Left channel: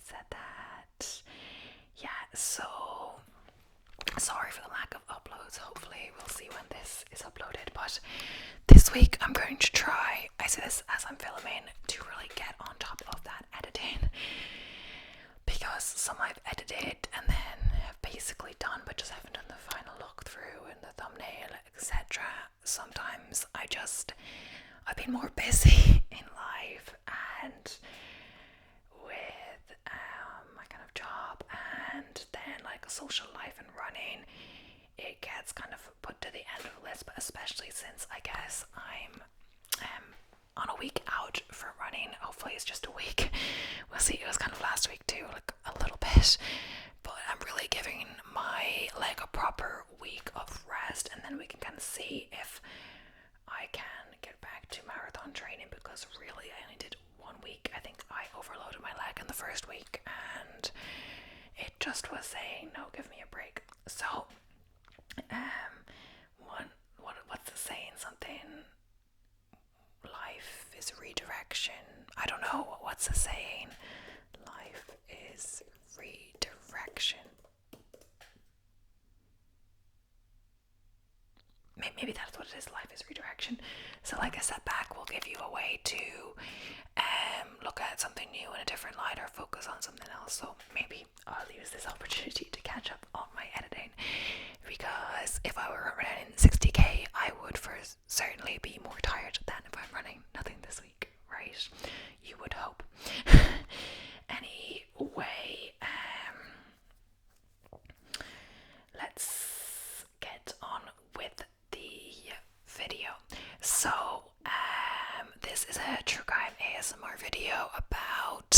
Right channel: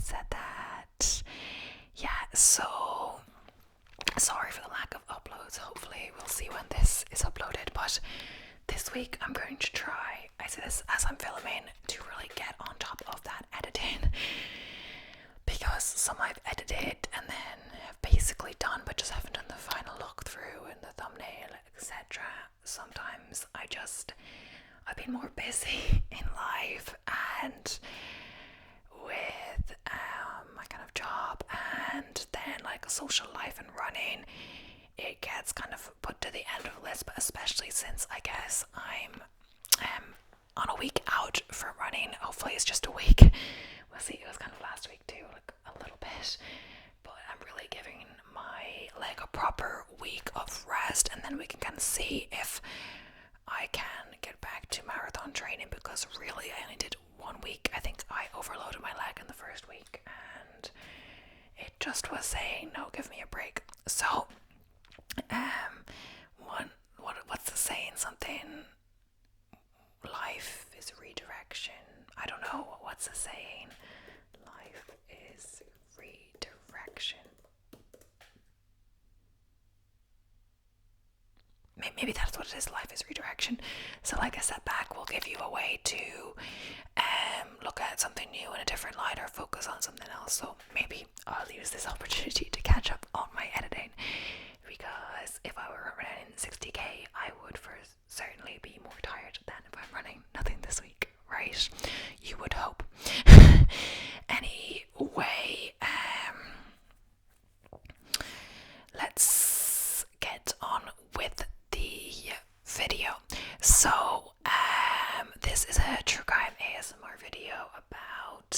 said that. Yeah, so sorry for the lack of uploads. Hopefully we'll see when this is uploaded, but this week I'm going to try, I say this as I'm filming, to really get on top of that editing, because some I've edited and then have basically done but just haven't done the final look through and the thumbnail, etc. Sometimes I've been more busy in life and with my kind of job, and then like a social life and running, it gets kind of put to the end of the list. But especially since I guess I'm on a week out for running. Hopefully it's just a week. We'll see. It was kind of last week too, like a little bit, but I'm really giving my leg a proper week of rest, and then we can kind of see if I can get back to marathon training, because really I only did 1 week. I think I overloaded my leg in the first week and it just was saying, no, give me a break. So what's the saying? Something, life is redirection. I don't know. What's the saying? Life is redirection. Maybe that's what it is. Life is redirection. So like a setback will give you a way to look at something new in a different light or focus on something else. So maybe I'll use this opportunity to catch up on my editing, because if I were running 60k, I would for certainly be more tired than if I'm running nothing this week, right? You would hope. Anyway, let's get on with the video. So this is a true crime ASMR video about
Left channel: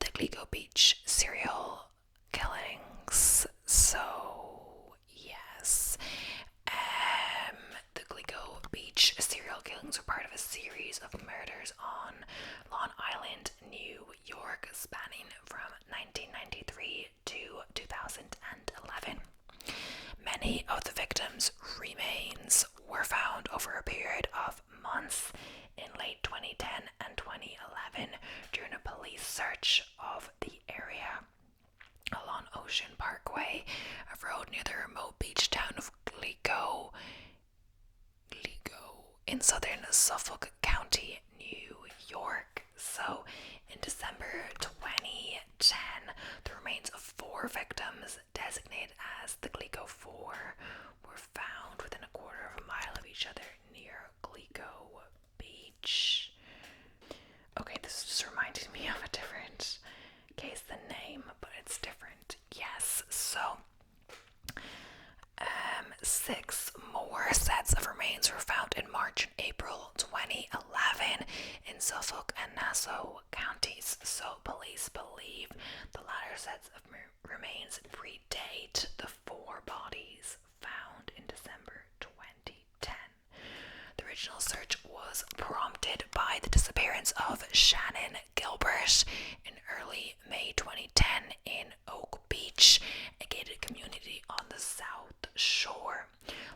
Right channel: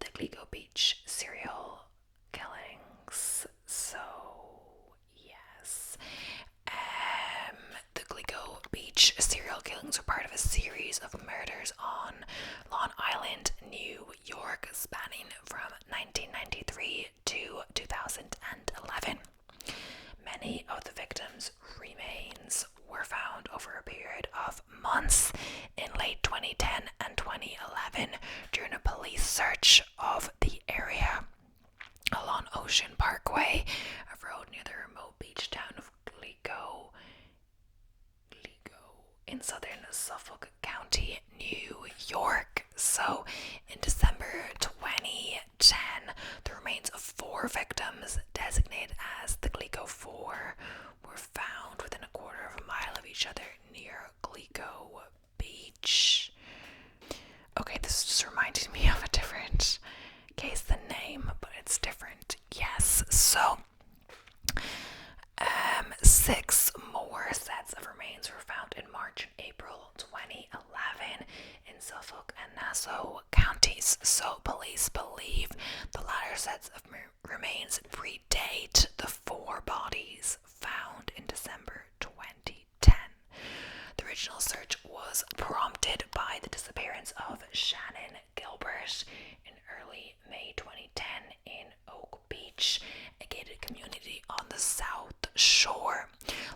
the Gilgo Beach serial killings. So yes, the Gilgo Beach serial killings are part of a series of murders on Long Island, New York, spanning from 1993 to 2011. Many of the victims' remains were found over a period of months in late 2010 and 2011 during a police search of the area along Ocean Parkway, a road near the remote beach town of Gilgo in southern Suffolk County, New York. So in December 2010, the remains of 4 victims designated as the Gilgo 4 were found within a quarter of a mile of each other near Gilgo Beach. Okay, this just reminded me of a different case, the name, but it's different. Yes, so 6 more sets of remains were found in March and April 2011 in Suffolk and Nassau counties. So police believe the latter sets of remains predate the 4 bodies found in December 2010. The original search was prompted by the disappearance of Shannan Gilbert in early May 2010 in Oak Beach, a gated community on the South Shore.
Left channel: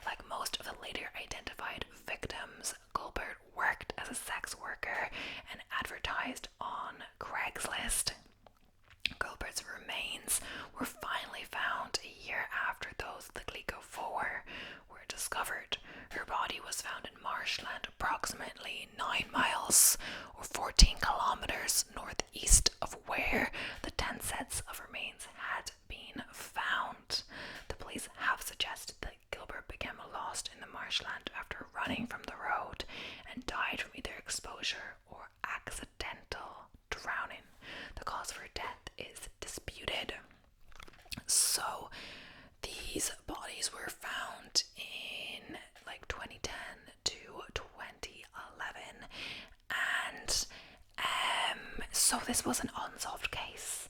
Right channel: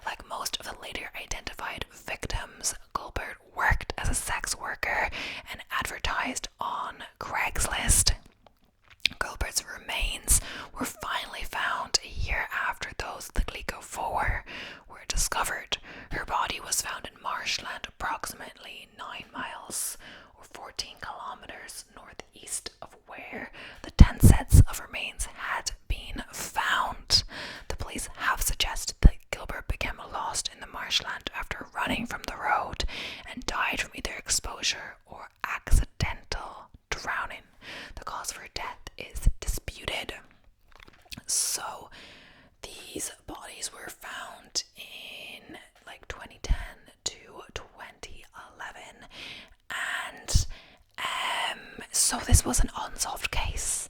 Like most of the later identified victims, Gilbert worked as a sex worker and advertised on Craigslist. Gilbert's remains were finally found a year after those of the Gilgo 4 were discovered. Her body was found in marshland approximately 9 miles or 14 kilometers northeast of where the 10 sets of remains had been found. The police have suggested that Gilbert became lost in the marshland after running from the road and died from either exposure or accidental drowning. The cause of her death is disputed. So these bodies were found in like 2010 to 2011, and so this was an unsolved case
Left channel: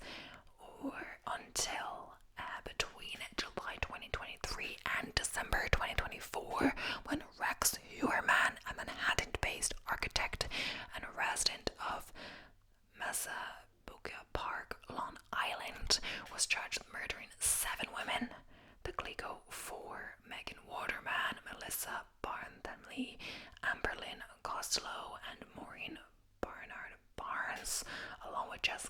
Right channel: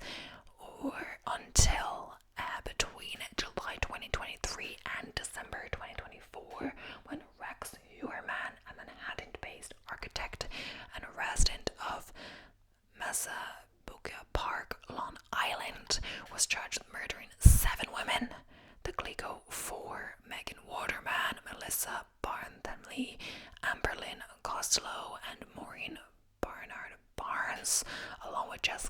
or until between July 2023 and December 2024, when Rex Huerman, a Manhattan-based architect and a resident of Massapequa Park, Long Island, was charged with murdering 7 women. The Gilgo 4, Megan Waterman, Melissa Barntham-Lee, Amberlynn Costello, and Maureen Barnard Barnes, along with Jessica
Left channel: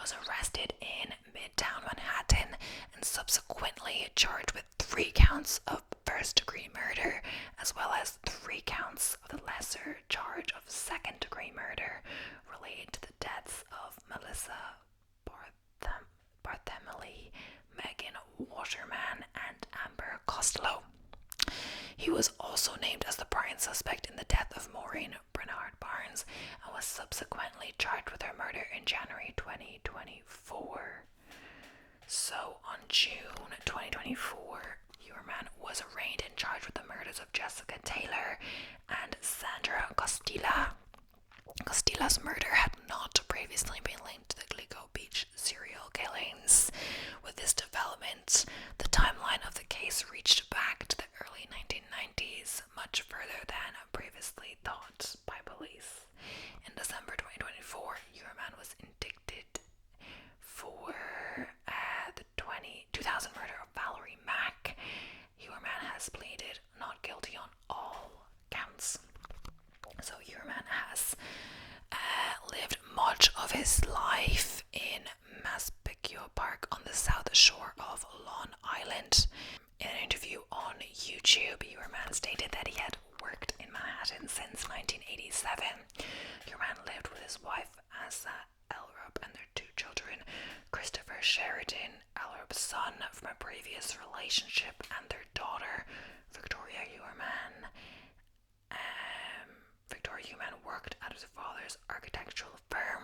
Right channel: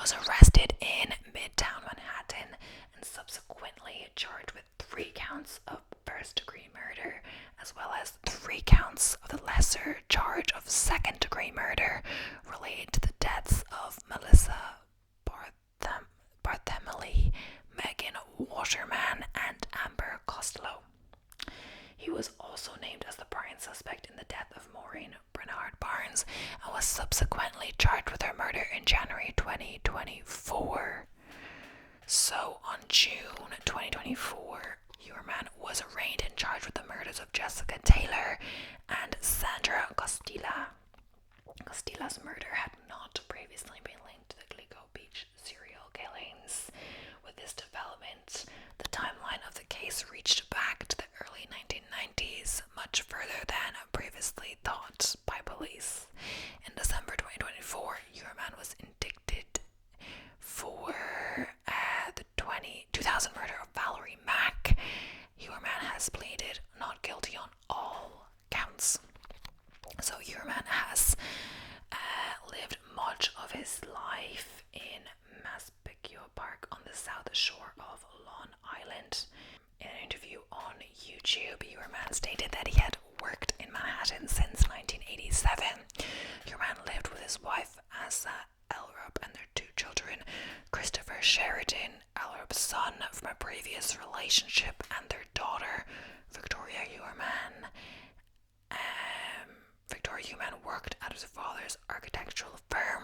was arrested in Midtown Manhattan and subsequently charged with 3 counts of first-degree murder, as well as 3 counts of the lesser charge of second-degree murder related to the deaths of Melissa Barthélemy, Megan Waterman, and Amber Costello. He was also named as the prime suspect in the death of Maureen Bernard Barnes and was subsequently charged with her murder in January 2024. So on June 2024, Uerman was arraigned and charged with the murders of Jessica Taylor and Sandra Costilla. Costilla's murder had not previously been linked to the Gilgo Beach serial killings. With this development, the timeline of the case reached back to the early 1990s, much further than previously thought by police. In December 2024, Uerman was indicted for the 2000 murder of Valerie Mack. Uerman has pleaded not guilty on all counts. So Uerman has lived much of his life in Massapequa Park on the south shore of Long Island. In an interview on YouTube, Uerman stated that he had worked in Manhattan since 1987. Uerman lived with his wife Asa Elrup and their 2 children, Christopher Sheridan, Elrup's son from a previous relationship, and their daughter, Victoria Uerman. Victoria Uerman worked at his father's architectural firm,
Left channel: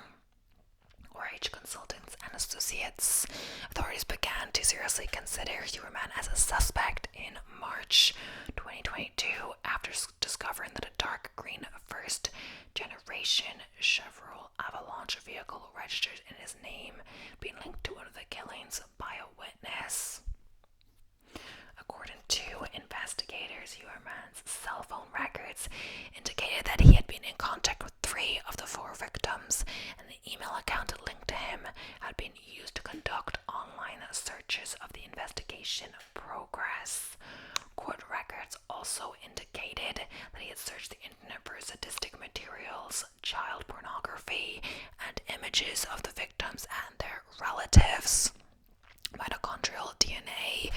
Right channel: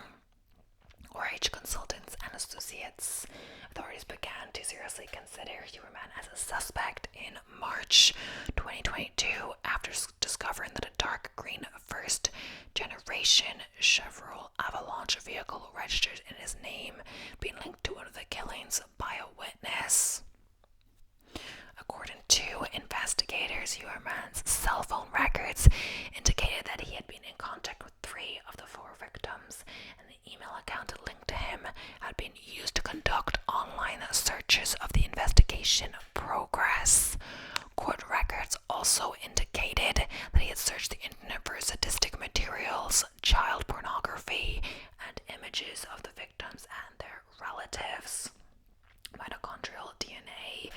RH Consultants and Associates. Authorities began to seriously consider Uerman as a suspect in March 2022 after discovering that a dark green first-generation Chevrolet Avalanche vehicle registered in his name being linked to one of the killings by a witness. According to investigators, Uerman's cell phone records indicated that he had been in contact with 3 of the 4 victims, and the email account linked to him had been used to conduct online searches of the investigation progress. Court records also indicated that he had searched the internet for sadistic materials, child pornography, and images of the victims and their relatives. Mitochondrial DNA,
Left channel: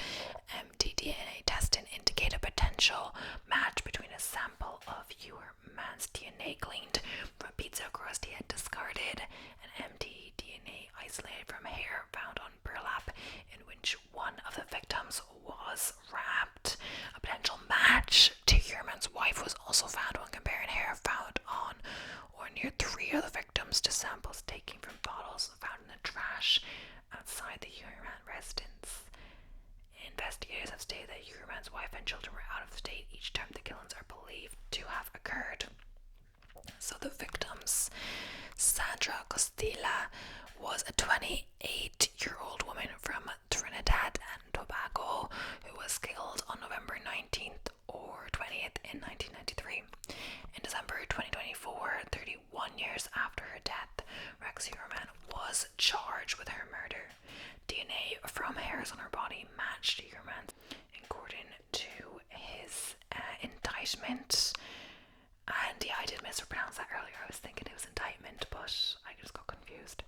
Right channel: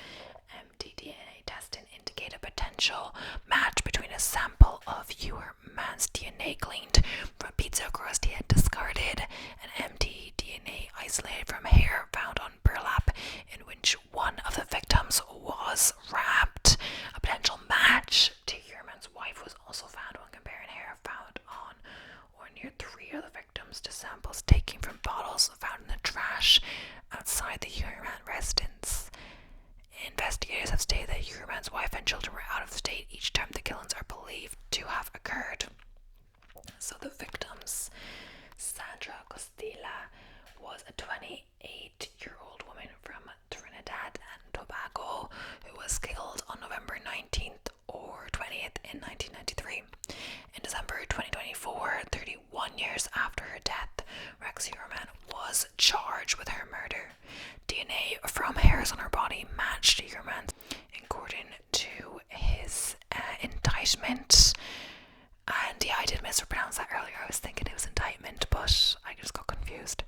mtDNA testing indicate a potential match between a sample of Uerman's DNA gleaned from pizza crust he had discarded and mtDNA isolated from hair found on burlap in which one of the victims was wrapped. A potential match to Uerman's wife was also found when comparing hair found on or near 3 of the victims to samples taken from bottles found in the trash outside the Uerman residence. Investigators have stated that Uerman's wife and children were out of state each time the killings are believed to have occurred. So the victims, Sandra Costilla was a 28-year-old woman from Trinidad and Tobago who was killed on November 19th or 20th in 1993. In December 2024, 31 years after her death, Rex Uerman was charged with her murder. DNA from hairs on her body matched Uerman's, according to his indictment. And yeah, I did mispronounce that earlier. I was thinking it was indictment, but I just got confused.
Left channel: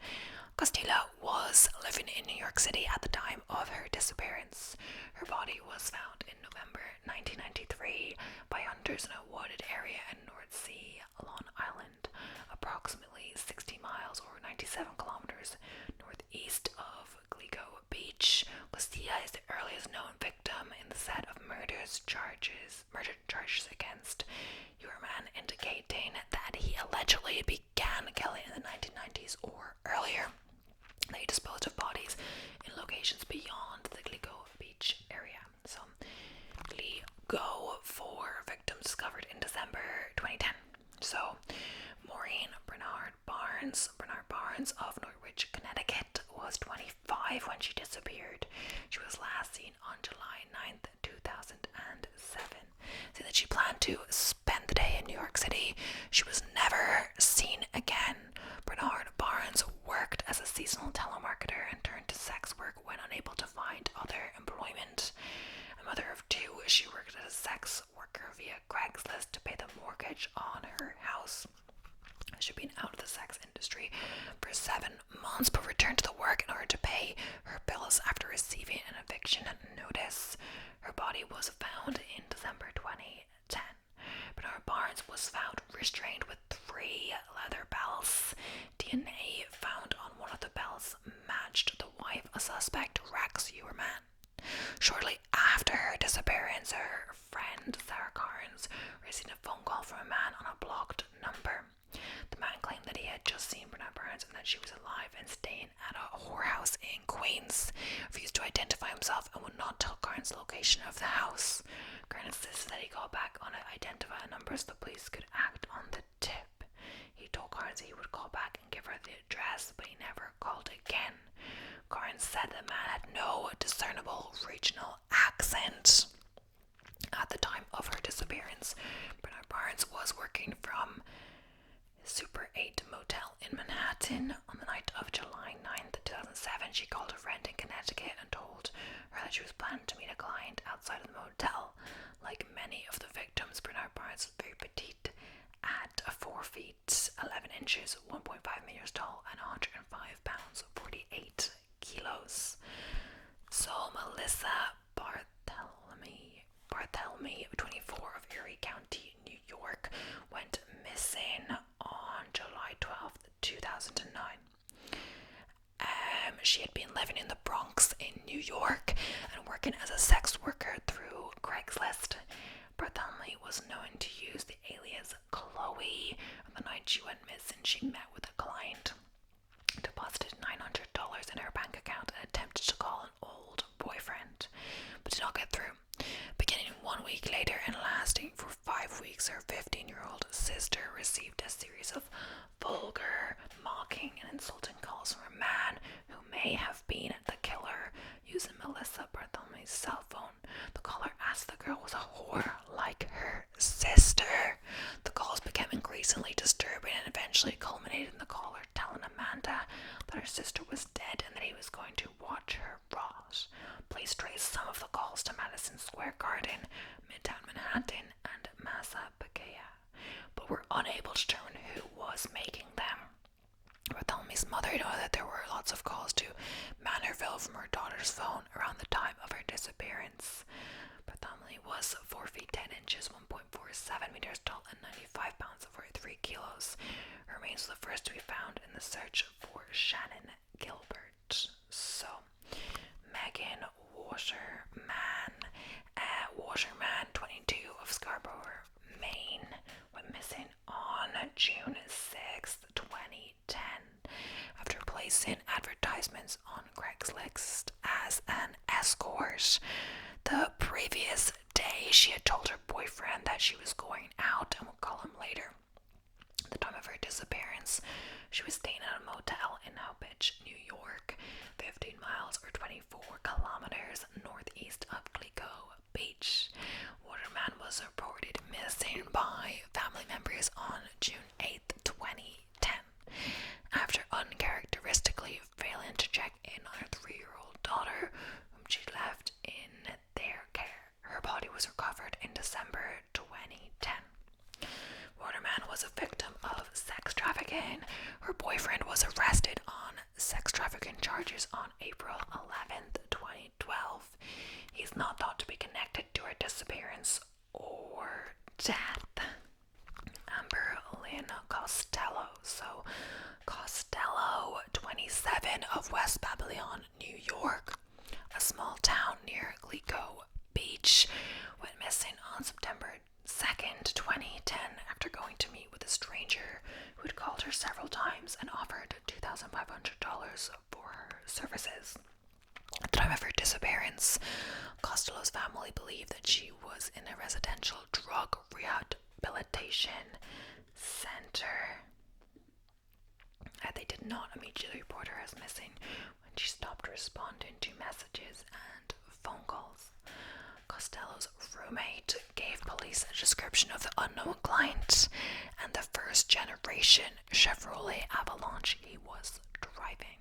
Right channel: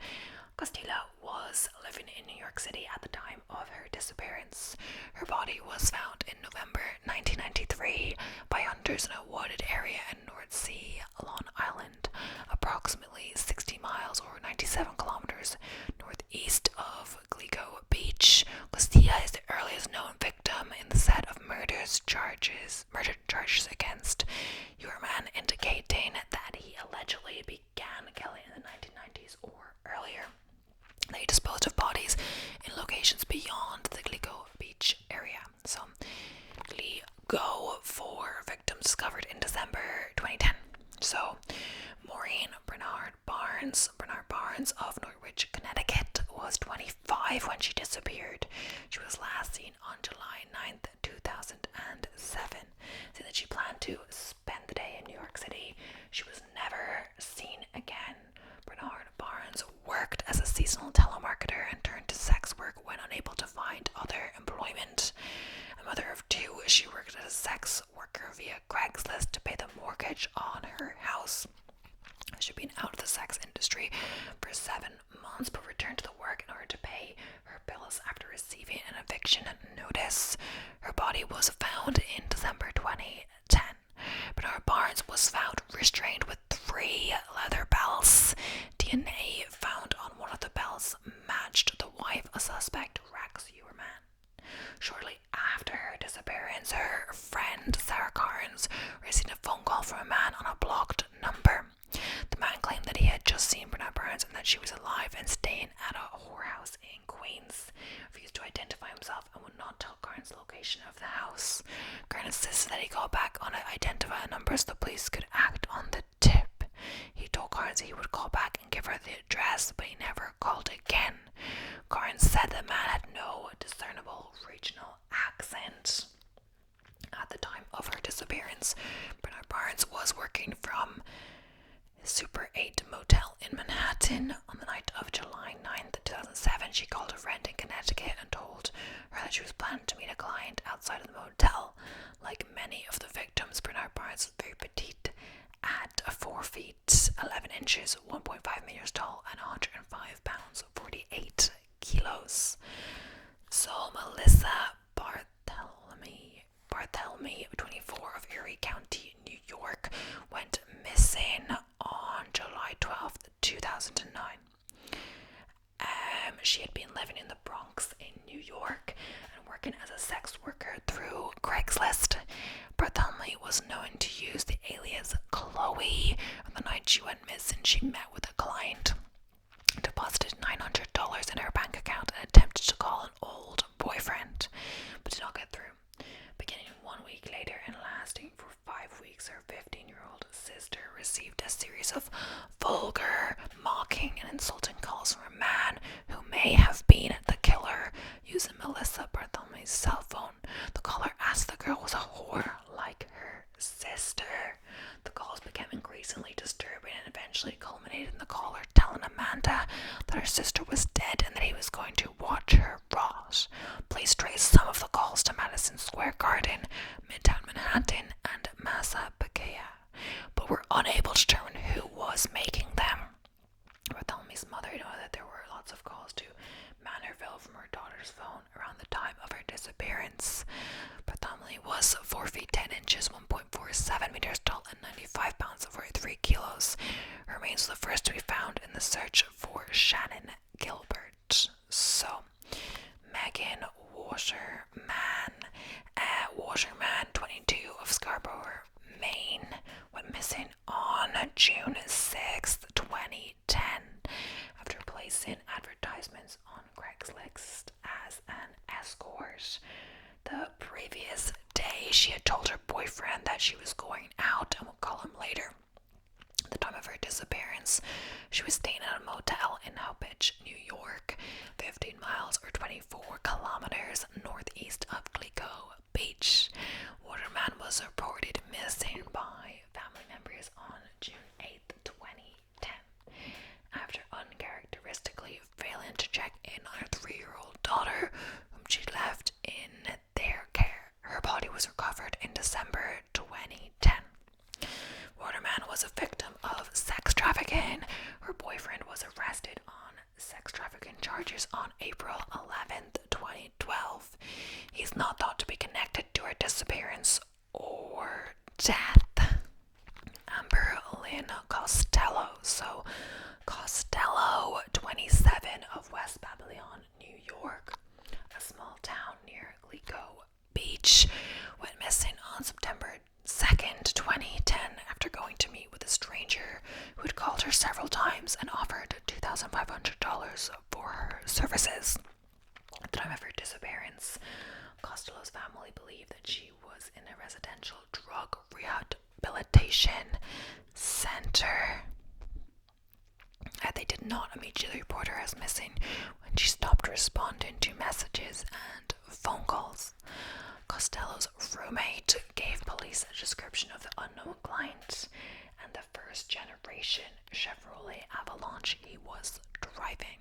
Costilla was living in New York City at the time of her disappearance. Her body was found in November 1993 by hunters in a wooded area in North Sea, Long Island, approximately 60 miles or 97 kilometers northeast of Gilgo Beach. Costilla is the earliest known victim in the set of murder charges against Uerman, indicating that he allegedly began killing in the 1990s or earlier. They disposed of bodies in locations beyond the Gilgo Beach area. So, Gilgo for victims discovered in December 2010. So, Maureen Bernard Barnes of Norwich, Connecticut, was 25 when she disappeared. She was last seen on July 9th, 2007. Saying that she planned to spend the day in New York City, she was never seen again. Bernard Barnes worked as a seasonal telemarketer and turned to sex work when unable to find other employment. A mother of 2, she worked as a sex worker via Craigslist to pay the mortgage on her house. She'd been out of the sex industry for 7 months but returned to the work in order to pay her bills after receiving an eviction notice. Her body was found in December 2010. Bernard Barnes was found restrained with 3 leather belts. DNA found on one of the belts matched the wife of suspect Rex Uerman. Shortly after her disappearance, her friend Sarah Carnes received a phone call from a man on a blocked number. The man claimed that he had just seen Bernard Barnes and that she was alive and staying at a whorehouse in Queens. He refused to identify himself and would not tell Carnes the location of the house. Carnes insisted that he call back on an identified number so the police could act on the tip. He told Carnes he would call back and give her the address, but he never called again. Carnes said the man had no discernible regional accent. At the time of her disappearance, Bernard Barnes was working from Super 8 motel in Manhattan. On the night of July 9th, 2007, she called a friend in Connecticut and told her that she was planning to meet a client outside of the motel. Like many of the victims, Bernard Barnes was very petite at 4 feet 11 inches, 1.5 meters tall, and 105 pounds, 48 kilos. So Melissa Barthelemy, 24, of Erie County, New York, went missing on July 12th, 2009. She had been living in the Bronx in New York and working as a sex worker through Craigslist. Barthelemy was known to use the alias Chloe. On the night she went missing, she met with a client, deposited $900 in her bank account, and attempted to call an old boyfriend, but did not get through. Beginning 1 week later and lasting for 5 weeks, her 15-year-old sister received a series of vulgar, mocking, and insulting calls from a man who may have been the killer using Melissa Barthelmy's cell phone. The caller asked the girl was a whore like her sister. The calls became increasingly disturbing and eventually culminated in the caller telling Amanda that her sister was dead and that he was going to watch her rot. Police traced some of the calls to Madison Square Garden, Midtown Manhattan, and Massapequa, but were unable to determine who was making them. Barthelmy's mother noted that there were lots of calls to Manorville from her daughter's phone around the time of her disappearance. Barthelmy was 4 feet 10 inches, 1.47 meters tall, and 95 pounds, 43 kilos. Her remains were the first to be found in the search for Shannan Gilbert. So, Megan Waterman, 22, of Scarborough, Maine, went missing on June 6, 2010, after placing advertisements on Craigslist as an escort. The previous day, she had told her boyfriend that she was going out and would call him later. At the time of her disappearance, she was staying at a motel in Gilgo, New York, 15 miles or 24 kilometers northeast of Gilgo Beach. Waterman was reported missing by family members on June 8th, 2010. After uncharacteristically failing to check in on her 3-year-old daughter, whom she left in their care, her body was recovered in December 2010. Waterman was a victim of sex trafficking. Her boyfriend was arrested on sex trafficking charges on April 11th, 2012. He's not thought to be connected to her disappearance or death. Amber Lynn Costello. So, Costello, 27, of West Babylon, New York, a small town near Gilgo Beach, went missing on September 2nd, 2010, after going to meet with a stranger who had called her several times and offered $2,500 for her services. At the time of her disappearance, Costello's family believed that she was in a residential drug rehabilitation center. They did not immediately report her as missing when she stopped responding to messages and phone calls. Costello's roommate gave police a description of the unknown client and the first-generation Chevrolet Avalanche he was driving.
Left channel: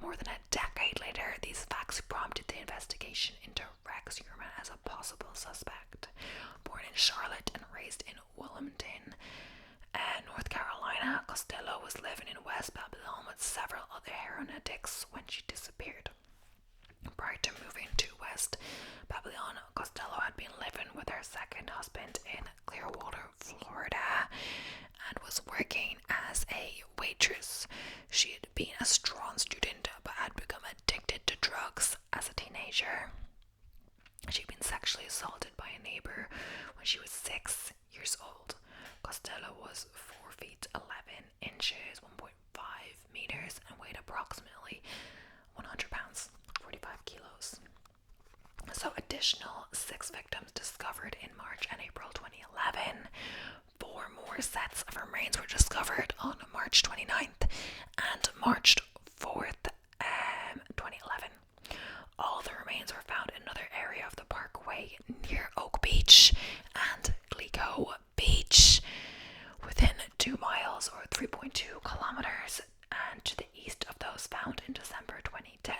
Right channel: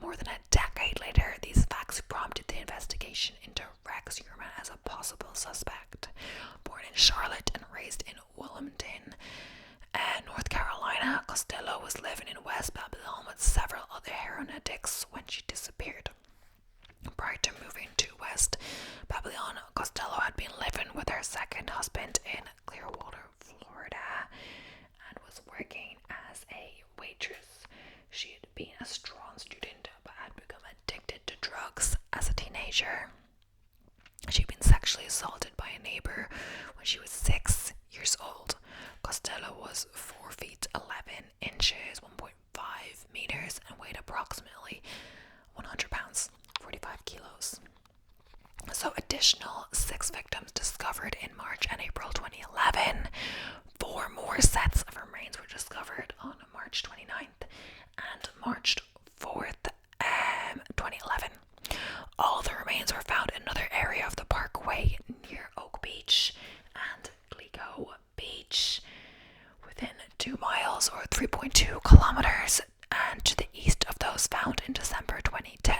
More than a decade later, these facts prompted the investigation into Rex Uerman as a possible suspect. Born in Charlotte and raised in Wilmington, North Carolina, Costello was living in West Babylon with several other heroin addicts when she disappeared. Prior to moving to West Babylon, Costello had been living with her second husband in Clearwater, Florida, and was working as a waitress. She had been a strong student but had become addicted to drugs as a teenager. She'd been sexually assaulted by a neighbor when she was 6 years old. Costello was 4 feet 11 inches, 1.5 meters, and weighed approximately 100 pounds, 45 kilos. So additional 6 victims discovered in March and April 2011. 4 more sets of remains were discovered on March 29th and March 4th, 2011. All the remains were found in another area of the parkway near Oak Beach and Gilgo Beach, within 2 miles or 3.2 kilometers, and to the east of those found in December 2010.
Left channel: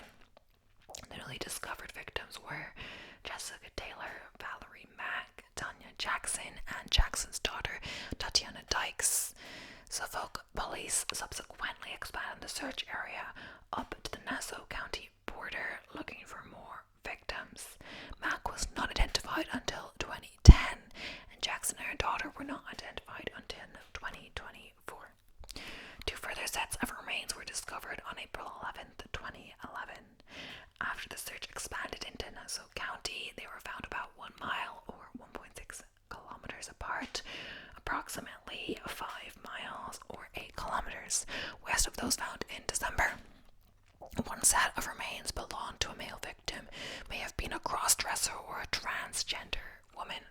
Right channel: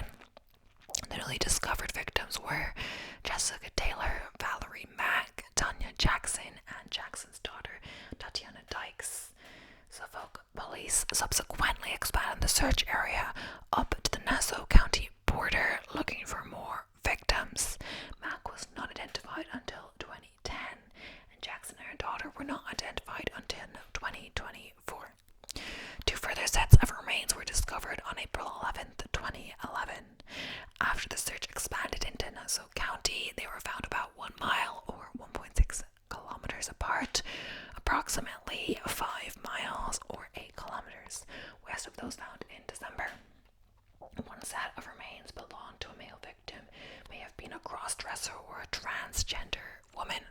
The newly discovered victims were Jessica Taylor, Valerie Mack, Tanya Jackson, and Jackson's daughter, Tatiana Dykes. Suffolk police subsequently expanded the search area up to the Nassau County border, looking for more victims. Mack was not identified until 2010, and Jackson and her daughter were not identified until 2024. 2 further sets of remains were discovered on April 11th, 2011. After the search expanded into Nassau County, they were found about 1 mile or 1.6 kilometers apart, approximately 5 miles or 8 kilometers west of those found in December. 1 set of remains belonged to a male victim, may have been a cross-dresser or a transgender woman.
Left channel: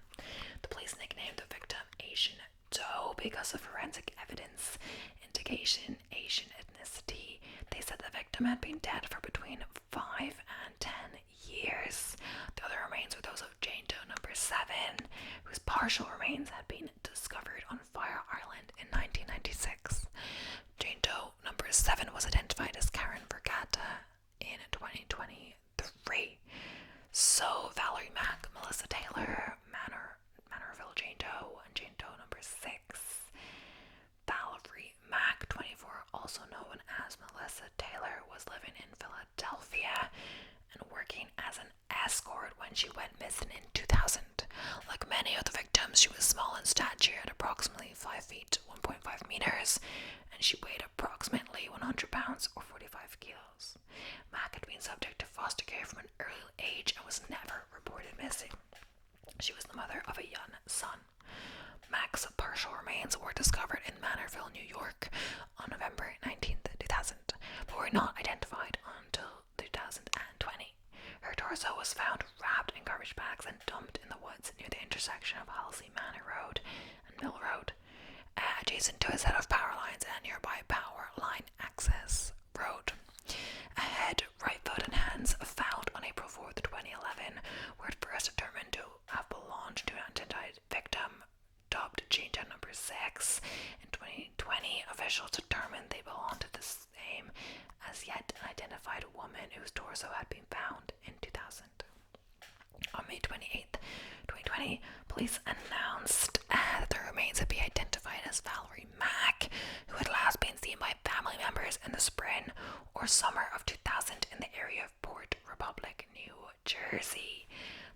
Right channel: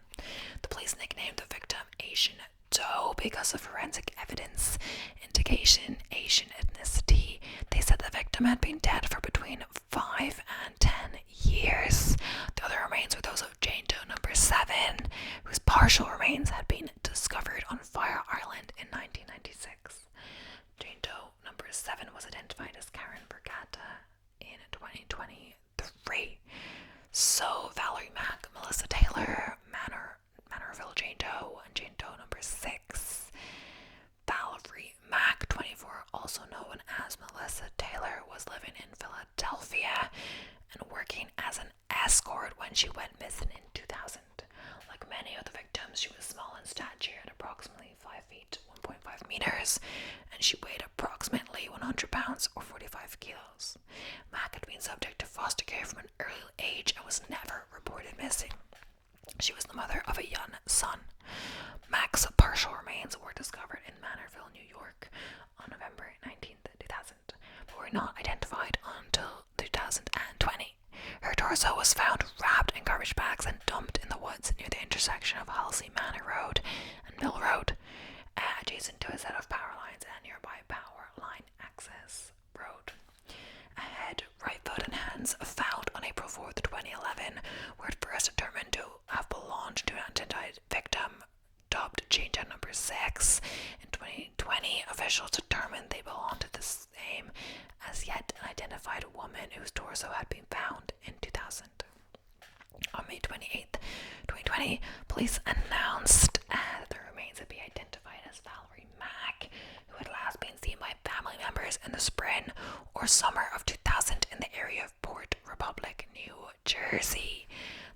The police nicknamed the victim Asian Doe because of forensic evidence indication Asian ethnicity. They said the victim had been dead for between 5 and 10 years. The other remains were those of Jane Doe number 7, whose partial remains had been discovered on Fire Island in 1996. Jane Doe number 7 was identified as Karen Vergata in 2023. So Valerie Mack, Melissa Taylor, Manorville Jane Doe, and Jane Doe number 6. Valerie Mack, 24, also known as Melissa Taylor, was living in Philadelphia and working as an escort when she went missing in 2000. Like many of the victims, she was small in stature at approximately 5 feet, 1.5 meters, and she weighed approximately 100 pounds or 45 kilos. Mack had been subject to foster care from an early age and was never reported missing. She was the mother of a young son. Mack's partial remains were discovered in Manorville, New York on November 19th, 2000, but were not identified until 2020. Her torso was found wrapped in garbage bags and dumped in the woods near the intersection of Halsey Manor Road and Mill Road, adjacent to a set of power lines and nearby power line access road. A head, right foot, and hands found on April 4th, 2011 were at first determined to have belonged to an unidentified victim dubbed Jane Doe number 6. In 2020, officials determined they belonged to the same as yet unidentified woman whose torso had been found in 2000. On May 28th, 2020, police announced that the remains would be identified as Valerie Mack, who had last been seen by family members in the spring or summer of 2000 in the area of Port Republic, New Jersey.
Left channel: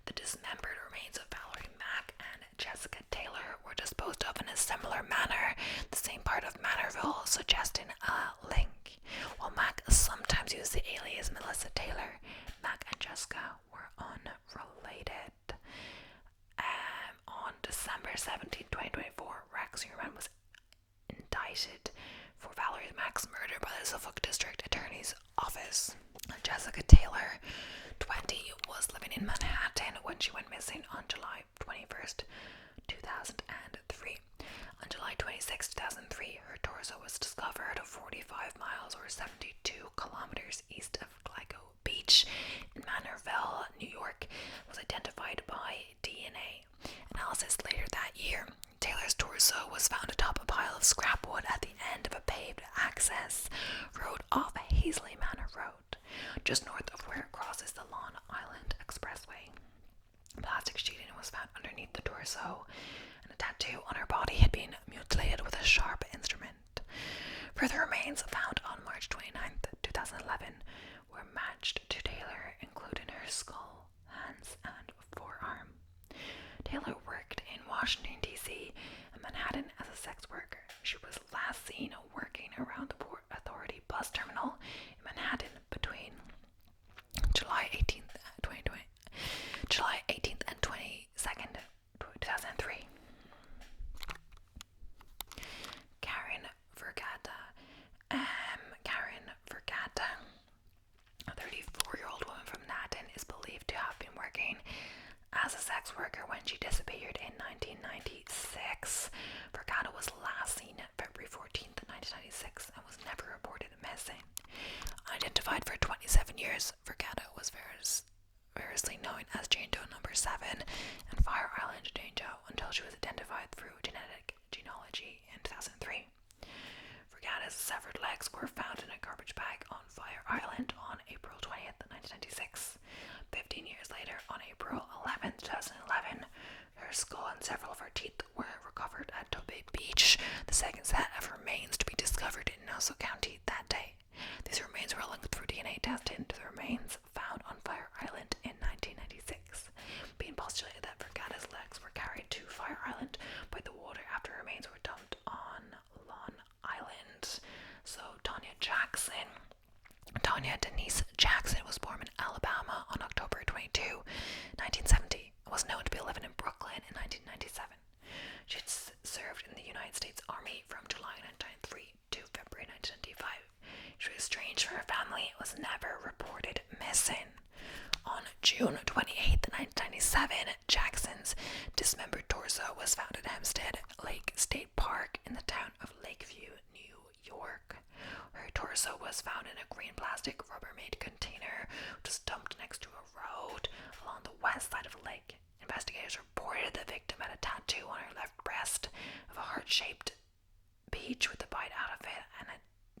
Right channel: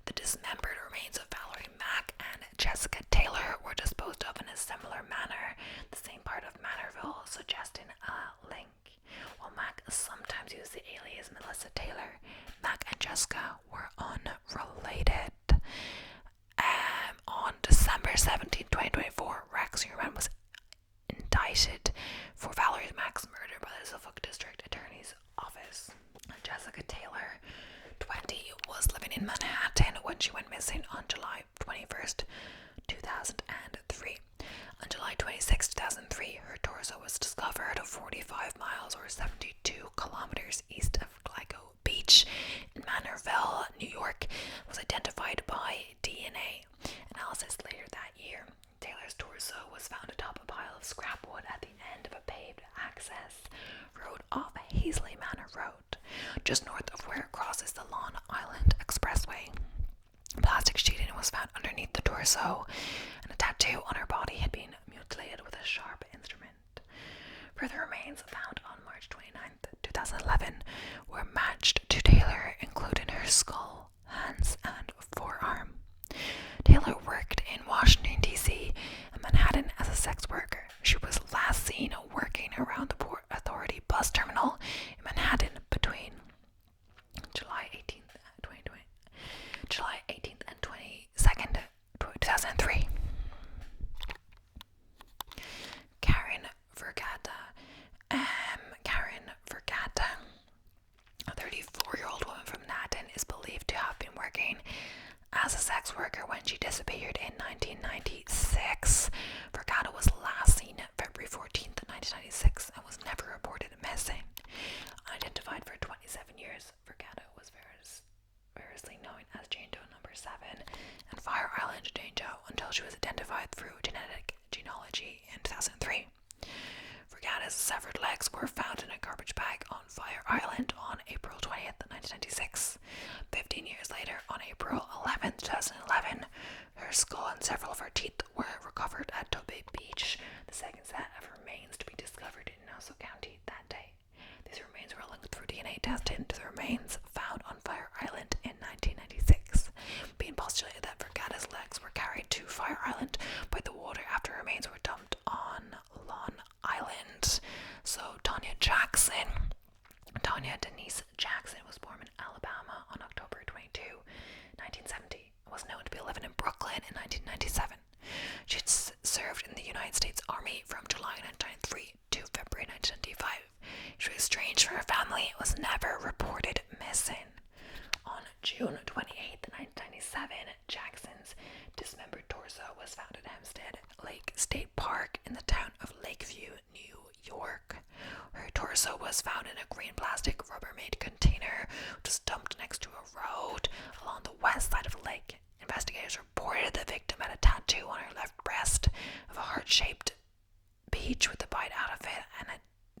The dismembered remains of Valerie Mack and Jessica Taylor were disposed of in a similar manner, the same part of Manorville, suggesting a link. While Mack sometimes used the alias Melissa Taylor, Mack and Jessica were unrelated. On December 17, 2024, Rex Heuermann was indicted for Valerie Mack's murder by the Suffolk District Attorney's Office. Jessica Taylor, 20, was living in Manhattan when she went missing on July 21st, 2003. On July 26, 2003, her torso was discovered 45 miles or 72 kilometers east of Gilgo Beach in Manorville, New York. It was identified by DNA analysis later that year. Taylor's torso was found atop a pile of scrap wood at the end of a paved access road off Hazley Manor Road, just north of where it crosses the Long Island Expressway. Plastic sheeting was found underneath the torso, and a tattoo on her body had been mutilated with a sharp instrument. Further remains found on March 29th, 2011 were matched to Taylor, including her skull, hands, and forearm. Taylor worked in Washington, D.C. and Manhattan as a sex worker. She was last seen working around the Port Authority bus terminal in Manhattan between July 18th and 22nd, 2003. Karen Vergata, a 34-year-old woman from Manhattan, is believed to have been working as a sex worker when she disappeared in 1996. Vergata was last seen February 14th, 1996 and was never reported missing. Unidentified for 27 years, Vergata was variously known as Jane Doe number 7 and Fire Island Jane Doe until she was identified through genetic genealogy in 2003. Vergata's severed legs were found in a garbage bag on Fire Island on April 20th, 1996. 15 years later, on April 11th, 2011, her skull and several of her teeth were recovered at Gilgo Beach, the second set of remains to be discovered in Nassau County that day. These remains were linked through DNA testing to the remains found on Fire Island in 1996, being postulated that Vergata's legs were carried to Fire Island by the water after remains were dumped on Long Island. So Tanya Denise Jackson was born in Alabama on October 22, 1970, and was known to be living in Brooklyn in 1997. She had served in the United States Army from July 1993 to February 1995. She was estranged from her family and was never reported missing. On June 28, 1997, Jackson's dismembered torso was found at Hempstead Lake State Park in the town of Lakeview, New York. Her torso was found in a green plastic Rubbermaid container, which was dumped next to a road along the west side of the lake. Investigators reported the victim had a tattoo on her left breast of a heart-shaped peach with a bite out of it and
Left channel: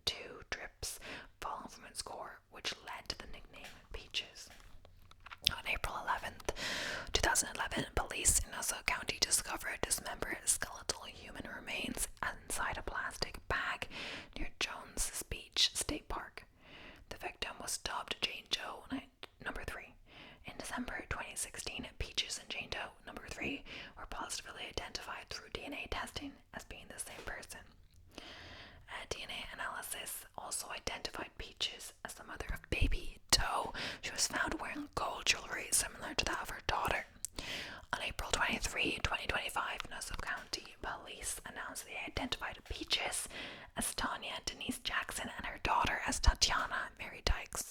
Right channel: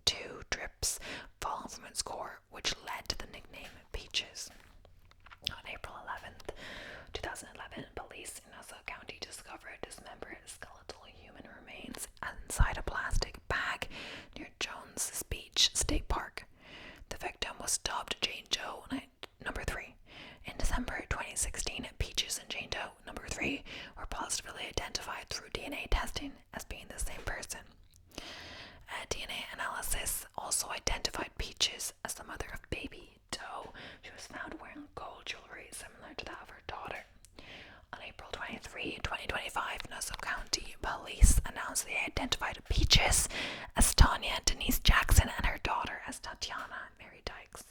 2 drips falling from its core, which led to the nickname Peaches. On April 11th, 2011, police in Nassau County discovered dismembered skeletal human remains inside a plastic bag near Jones Beach State Park. The victim was dubbed Jane Doe number 3. In December 2016, Peaches and Jane Doe number 3 were positively identified through DNA testing as being the same person. DNA analysis also identified Peaches as the mother of baby Doe. She was found wearing gold jewelry similar to that of her daughter. On April 23, 2025, Nassau County Police announced they identified Peaches as Tanya Denise Jackson and her daughter as Tatiana Mary Dykes.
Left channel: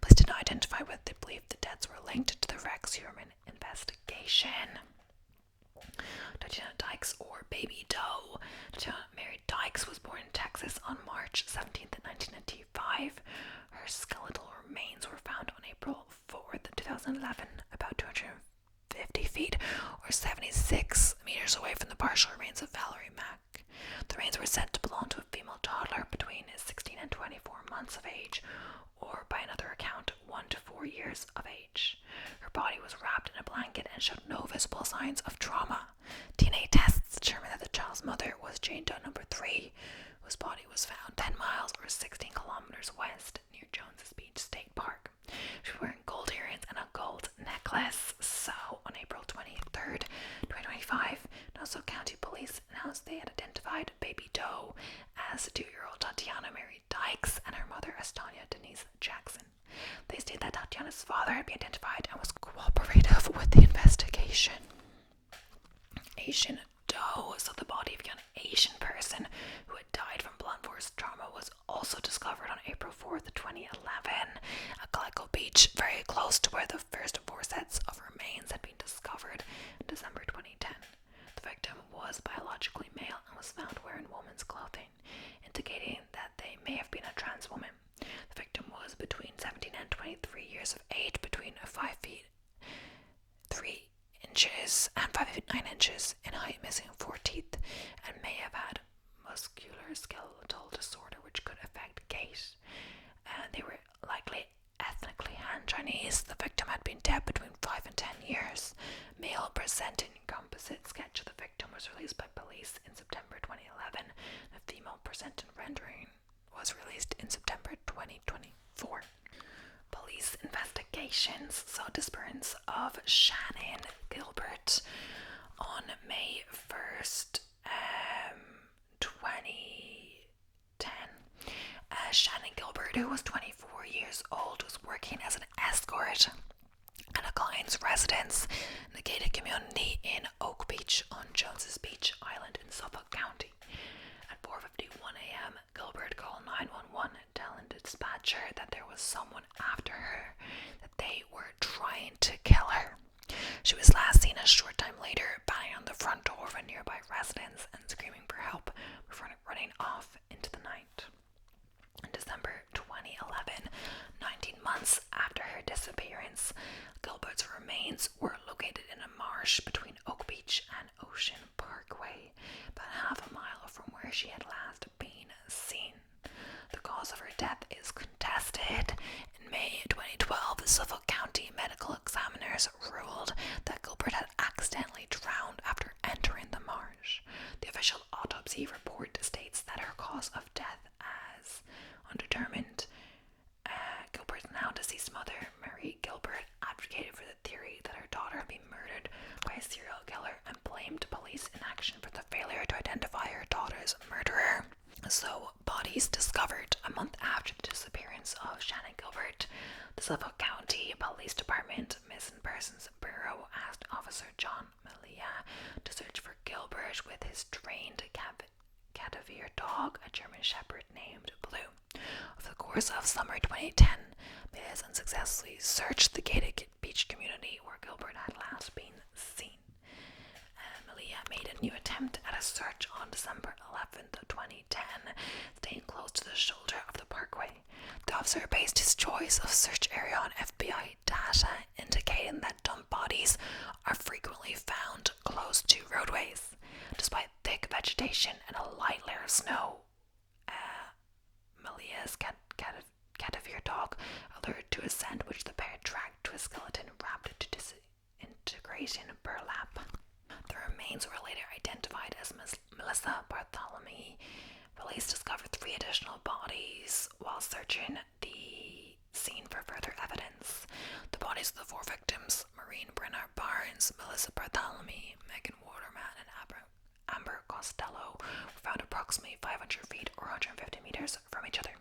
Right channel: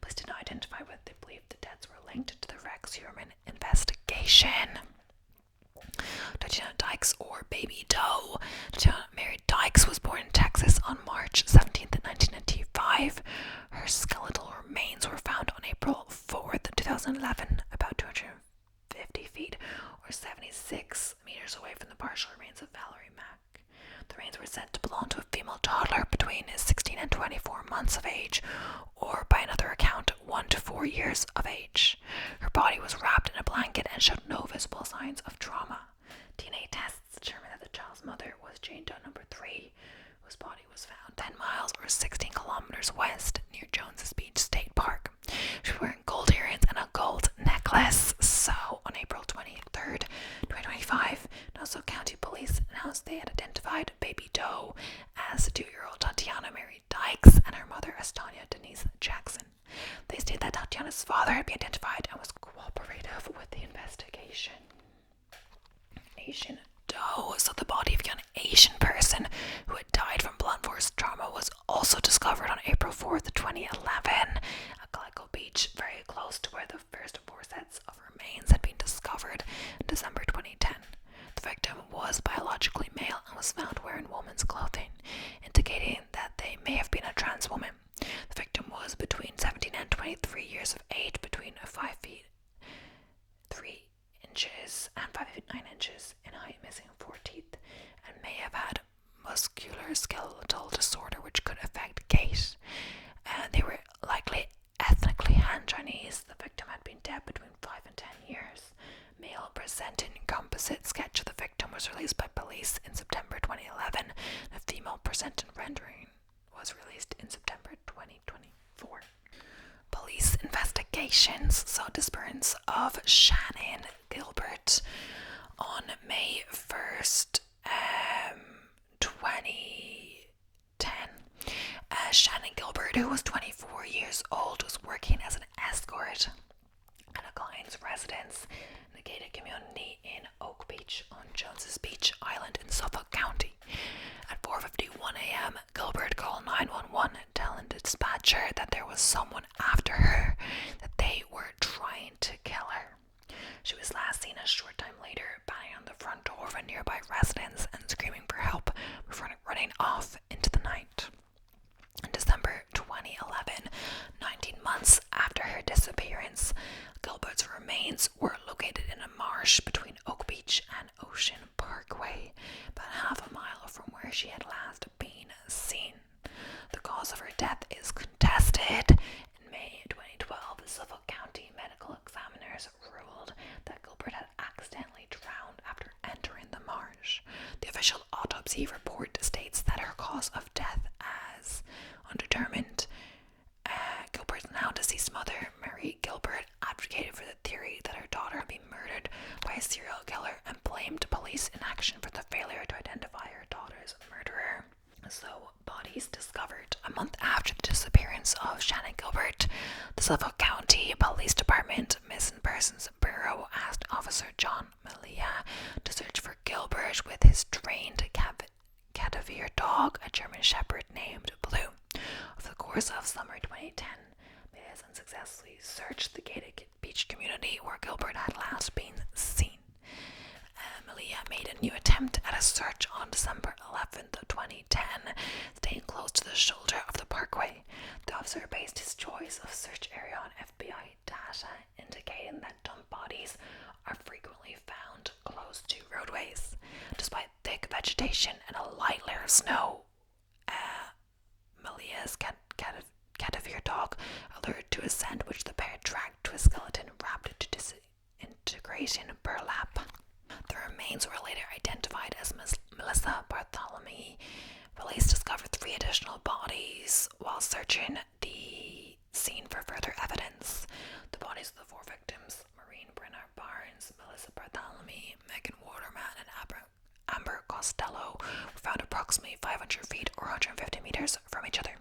Police did not identify whether they believed the deaths were linked to the Rex Heuermann investigation. Tatiana Dykes, or Baby Doe. Tatiana Mary Dykes was born in Texas on March 17th, 1995. Her skeletal remains were found on April 4th, 2011, about 250 feet or 76 meters away from the partial remains of Valerie Mack. The remains were said to belong to a female toddler between 16 and 24 months of age, or by another account, 1 to 4 years of age. Her body was wrapped in a blanket and showed no visible signs of trauma. DNA tests determined that the child's mother was Jane Doe number 3, whose body was found 10 miles or 16 kilometers west near Jones Beach State Park. She was wearing gold earrings and a gold necklace. So, on April 23rd, 2025, Nassau County Police announced they had identified Baby Doe as 2-year-old Tatiana Mary Dykes and her mother as Tanya Denise Jackson. They stated that Tatiana's father had been identified and was cooperative with the investigation. Asian Doe, so the body of a young Asian person who had died from blunt force trauma, was also discovered on April 4th, 2011 at Gilgo Beach, very close to where the first 4 sets of remains had been discovered in December 2010. The victim was biologically male and was found wearing woman's clothing, indicating that they may have been a trans woman. The victim was between 17 and 23 years of age, between 5 feet 3 inches and 5 feet 9 inches in height, missing 4 teeth, and may have had musculoskeletal disorder which could affect gait. And they were likely ethnic historically Han Chinese. The victim had been dead between 5 and 10 years. Male presenting composite sketch of the victim was released by police in September 2011. A female presenting rendering was released in September 2024. Police investigations saw disappearance of Shannan Gilbert on May 1st, 2010. Shannan Gilbert, who was 24 years old, was working as an escort at a client's residence in the gated community in Oak Beach on Jones's Beach Island in Suffolk County. At 4:51 a.m., Gilbert called 911, telling the dispatcher that there was someone after her, that they were trying to kill her. She was last seen a short time later banging on the front door of a nearby residence and screaming for help before running off into the night. In December 2011, 19 months after her disappearance, Gilbert's remains were located in a marsh between Oak Beach and Ocean Parkway, about half a mile from where she had last been seen. The cause of her death is contested. In May 2012, Suffolk County medical examiners ruled that Gilbert had accidentally drowned after entering the marsh. The official autopsy report states that her cause of death as undetermined. Gilbert's now deceased mother, Mary Gilbert, advocated for the theory that her daughter had been murdered by a serial killer and blamed police inaction for the failure to identify her daughter's murderer. So, bodies discovered a month after the disappearance of Shannan Gilbert. The Suffolk County Police Department Missing Persons Bureau asked Officer John Malia to search for Gilbert with his trained Cadaver dog, a German Shepherd named Blue. Over the course of summer 2010, Malia unsuccessfully searched the gated beach community where Gilbert had last been seen. Malia made a new attempt at a search on December 11th, 2010, staying close to the shoulder of the parkway. The officer based his choice of search area on FBI data, indicating that dump bodies are frequently found close to roadways. Despite thick vegetation and a light layer of snow, Malia's Cadaver dog alerted to a scent which the pair tracked to a skeleton wrapped into disintegrating burlap. The remains were later identified as Melissa Bartholomew. Police discovered 3 additional bodies while searching the scene for further evidence. The bodies of the 4 victims, Maureen Brenner Barnes, Melissa Bartholomew, Megan Waterman, and Amber Costello, were found approximately 500 feet or 150 meters from each other.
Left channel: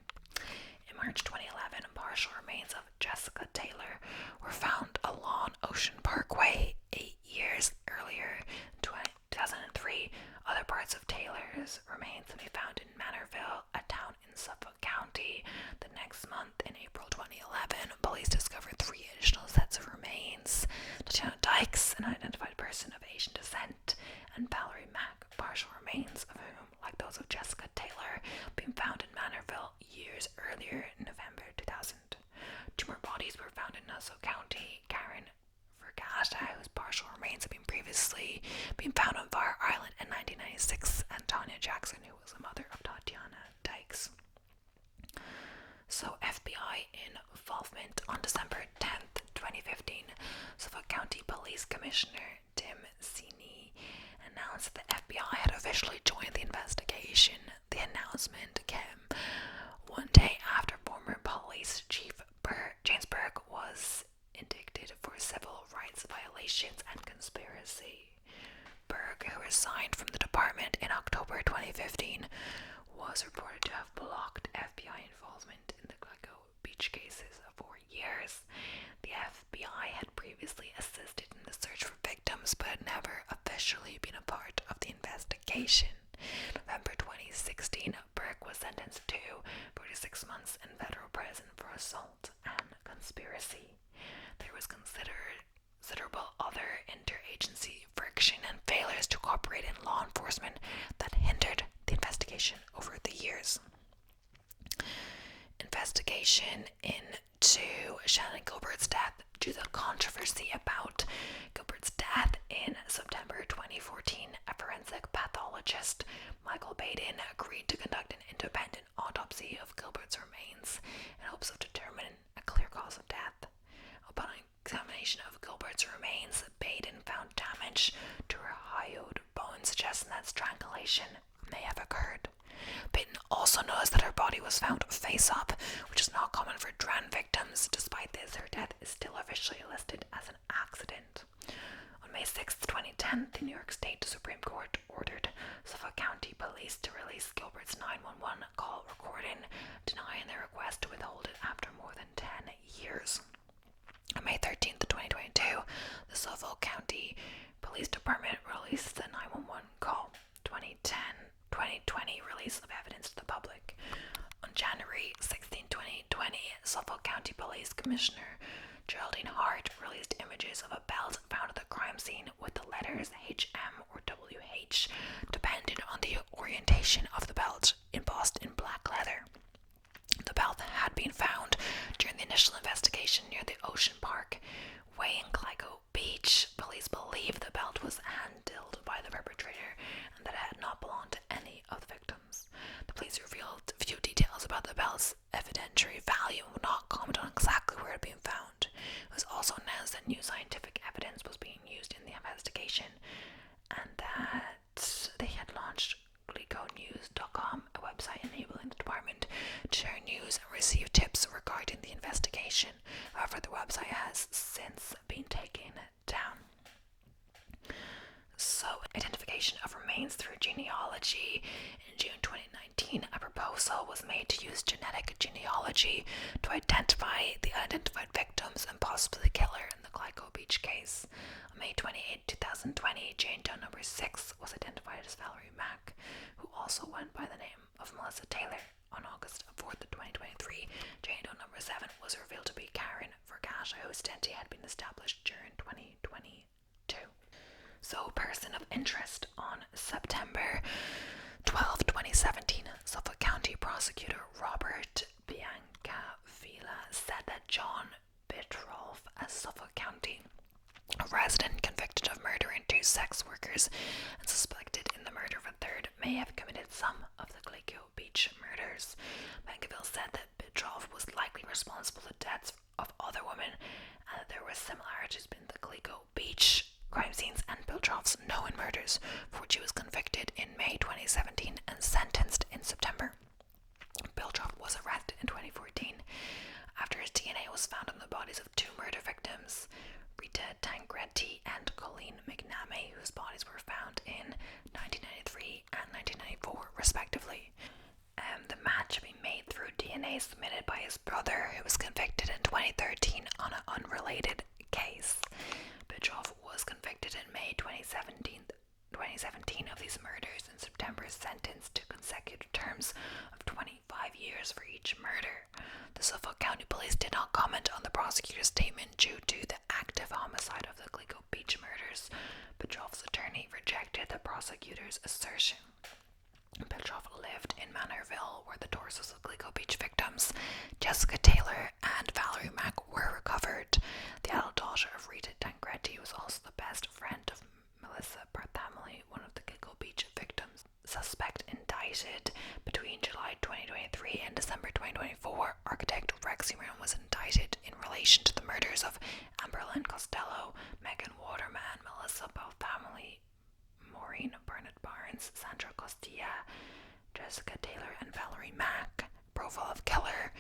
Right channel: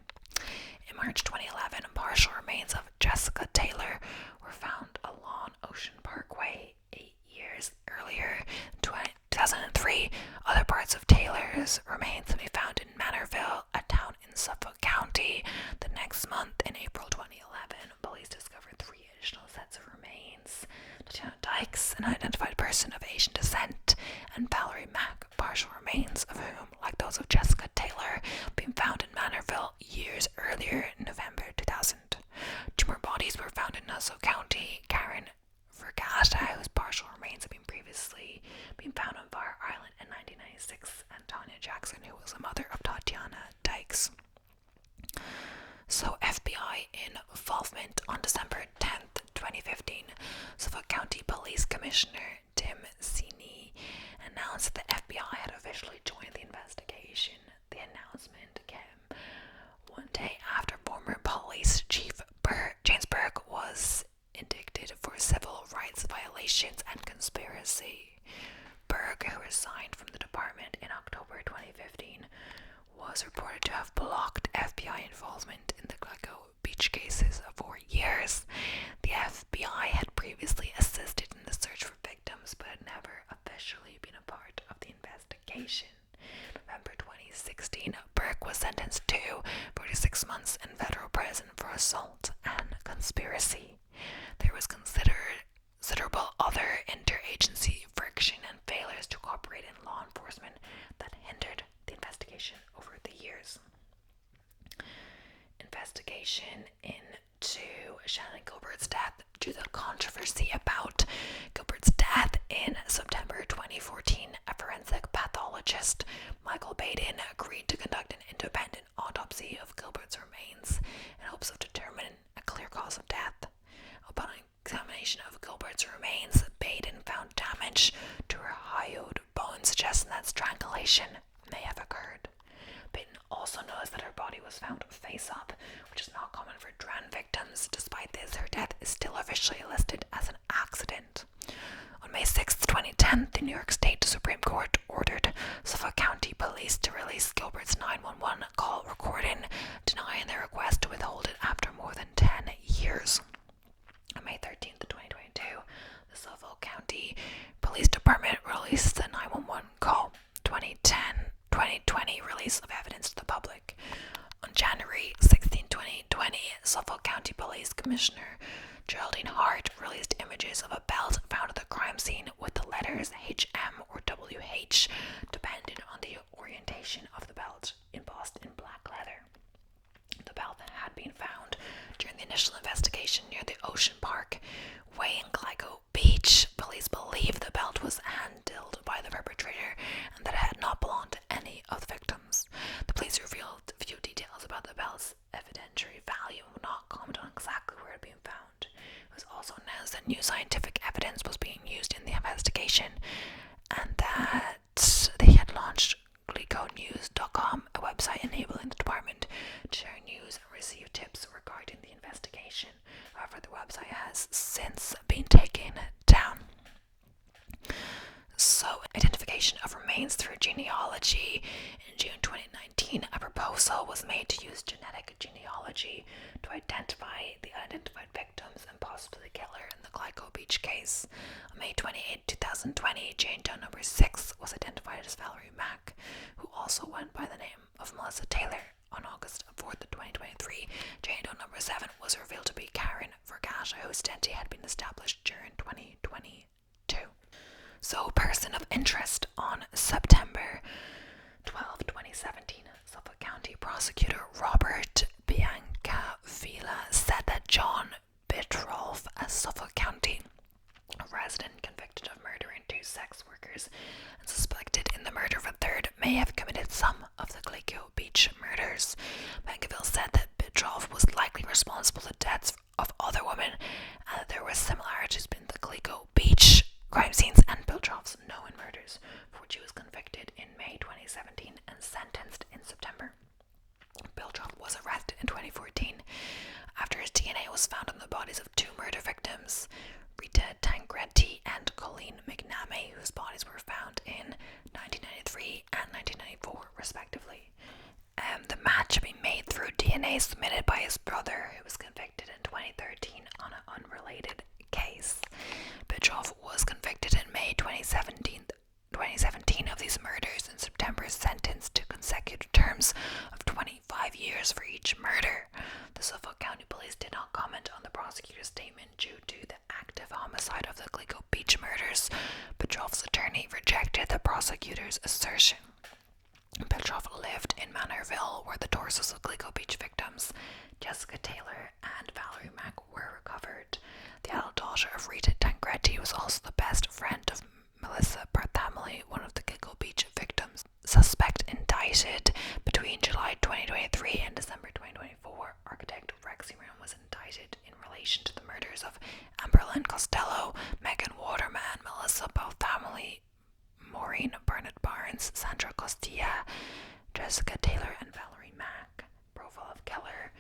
In March 2011, partial remains of Jessica Taylor were found along Ocean Parkway. 8 years earlier, in 2003, other parts of Taylor's remains can be found in Manorville, a town in Suffolk County. The next month, in April 2011, police discovered 3 additional sets of remains. Tatiana Dykes, an identified person of Asian descent, and Valerie Mack, partial remains of whom, like those of Jessica Taylor, been found in Manorville years earlier in November 2000. 2 more bodies were found in Nassau County. Karen Vergata, whose partial remains had previously been found on Fire Island in 1996, and Tanya Jackson, who was the mother of Tatiana Dykes. So, FBI involvement. On December 10th, 2015, Suffolk County Police Commissioner Tim Sini announced that the FBI had officially joined the investigation. The announcement came one day after former police chief James Burke was indicted for civil rights violations and conspiracy. Burke, who resigned from the department in October 2015, was reported to have blocked FBI involvement in the Gilgo Beach cases for years. The FBI had previously assisted in the search for victims but had never officially been a part of the investigation. In November 2016, Burke was sentenced to 46 months in federal prison for assault and conspiracy. There was considerable other interagency friction and failures to cooperate in law enforcement that hindered the investigation over the years. Investigation into Shannan Gilbert's death. Due to the controversy about Gilbert's death in September 2014, a forensic pathologist, Michael Baden, agreed to conduct an independent autopsy of Gilbert's remains in hopes of determining a clear cause of death. mutilation may have occurred. Peyton also noticed that her body was found face up, which is not common for drowned victims. Despite this, her death is still officially listed as an accident. On May 6, 2010, the New York State Supreme Court ordered Suffolk County Police to release Gilbert's 911 call recording, denying their request to withhold it after more than 10 years. On May 13, 2022, the Suffolk County Police Department released the 911 call 2020 release of evidence to the public. On January 16, 2020, Suffolk County Police Commissioner Geraldine Hart released images of a belt found at the crime scene with the letters HM or WH, depending on the orientation of the belt, embossed in black leather. The belt had been found during the initial investigation near the Ocean Park Way in Gilgo Beach. Police believe the belt was handled by the perpetrator and that it had not belonged to any of the victims. The police revealed few details about the belt's evidentiary value and would not comment on exactly where it had been found. It was also announced that new scientific evidence was being used in the investigation and that they had launched GilgoNews.com, a website enabling the department to share news and receive tips regarding the investigation. However, the website has since been taken down. So, identification of remains through genealogy. In June 2019, a proposal was made to use genetic genealogy to identify the identified victims and possibly the killer in the Gilgo Beach case. On May 28, 2020, Jane Doe number 6 was identified as Valerie Mack, who also went by the name of Melissa Taylor. On August 4th, 2023, Jane Doe number 7 was revealed to be Karen Vergasha, whose identity had been established during 2022. So, person of interest. On September 12, 2017, Suffolk County Prosecutor Robert Biancavilla said that John Bitrolf, a Suffolk County resident convicted of murdering 2 sex workers and suspected in the murder of a third, may have committed some of the Gilgo Beach murders. Biancavilla said that Bitrolf was likely responsible for the deaths of other women and that there were similarities between the Gilgo Beach crime scenes and Bitrolf's known murders, for which he was convicted in May 2017 and sentenced in September. Bitrolf was arrested in 2014 after his DNA was found on the bodies of 2 murder victims, Rita Tancredi and Colleen McNamee, whose bodies were found in 1993 and 1994 respectively. The match had been made through DNA submitted by his brother, who was convicted in 2013 on an unrelated case. Bitrolf was convicted in May 2017 of these murders, and September sentenced to consecutive terms of 25 years for each murder. The Suffolk County Police did not comment on the prosecutor's statement due to the active homicide of the Gilgo Beach murders. Bitrolf's attorney rejected the prosecutor's assertion. Bitrolf lived in Manorville, where the torsos of Gilgo Beach victims, Jessica Taylor and Valerie Mack, were recovered. The adult daughter of Rita Tancredi was also the best friend of Melissa Barthamley, one of the Gilgo Beach victims. Suspect indicted between July 2023 and December 2024, architect Rex Huron was indicted in relation to the murders of Amberlynn Costello, Megan Waterman, Melissa Barthamley, Maureen Bernard Barnes, Sandra Costilla, Jessica Taylor, and Valerie Mack. Profile of killer.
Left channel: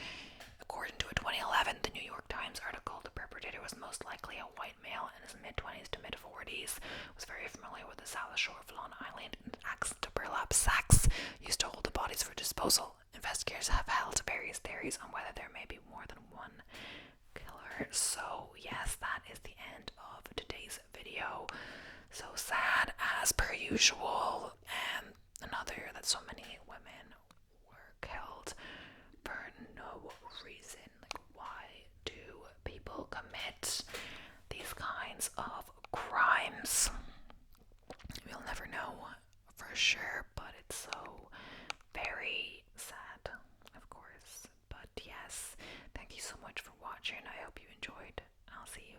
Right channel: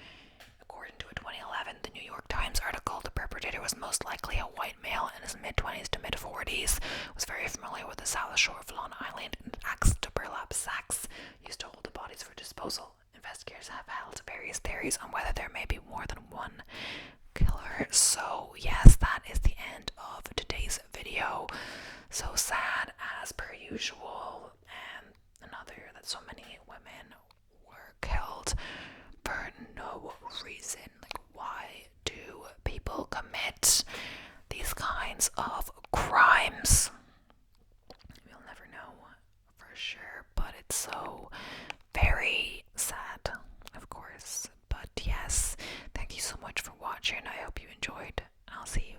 According to a 2011 The New York Times article, the perpetrator was most likely a white male in his mid-20s to mid-40s, was very familiar with the south shore of Long Island, and axed to burlap sacks used to hold the bodies for disposal. Investigators have held various theories on whether there may be more than one killer. So yes, that is the end of today's video. So sad as per usual, and another that so many women were killed for no reason. Like, why do people commit these kinds of crimes? We'll never know for sure, but it's so very sad, of course. But yes, thank you so much for watching. I hope you enjoyed. I'll see you